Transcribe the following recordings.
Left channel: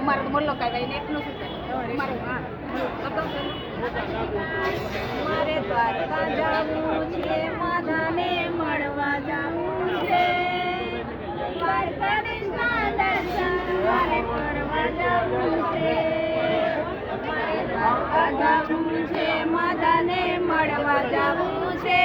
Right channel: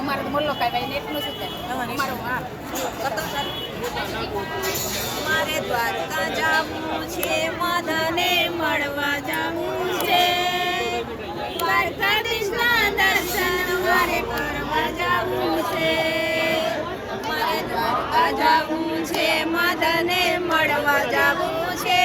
અમારે મોલ્લો કાંઈ ને એટલું શું થાય અમારું હા. મારે દ્વારકા જવું છે માધાને મળવા જવું છે. દ્વારકાધીશના દર્શન મારે કરવા જવું છે. મારે દ્વારકા જવું છે માધાને મળવા જવું છે.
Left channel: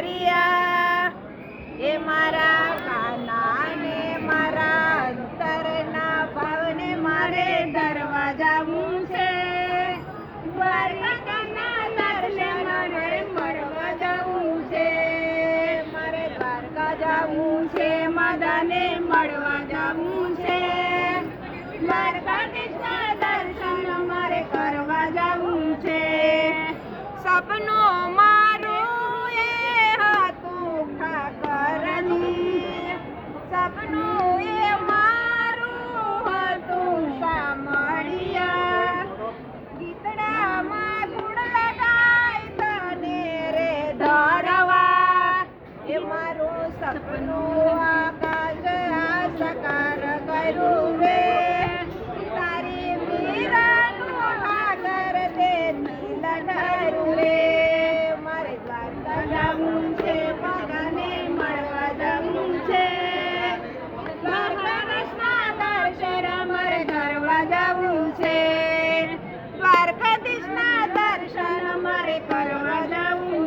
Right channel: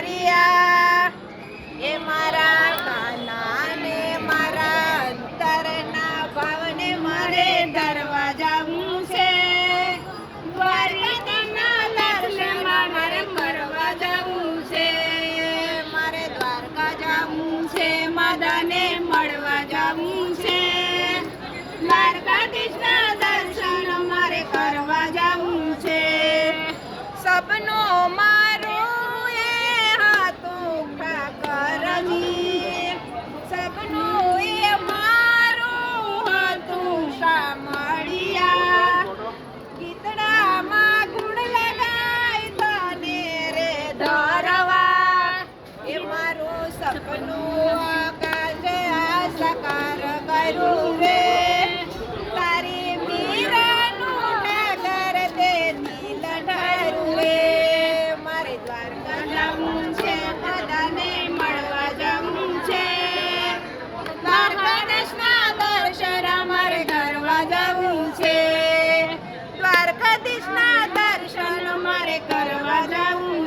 ગીતડામાં એ મારા કાના ને મારા અંતરના ભાવને મારે ધરવા જવું છે માદાને મળવા જવું છે દ્વારકાધીશના દર્શન મારે કરવા જવું છે સપનો મારું સપનું આ સાકાર કરું તારી મીરાનું નાગર તે લઢારું મારે દ્વારકા જવું છે દાદાને મળવા જવું છે દ્વારકાધીશના દર્શન મારે કરવા જવું છે દ્વારકાધીશના દર્શન મારે કરવા જવું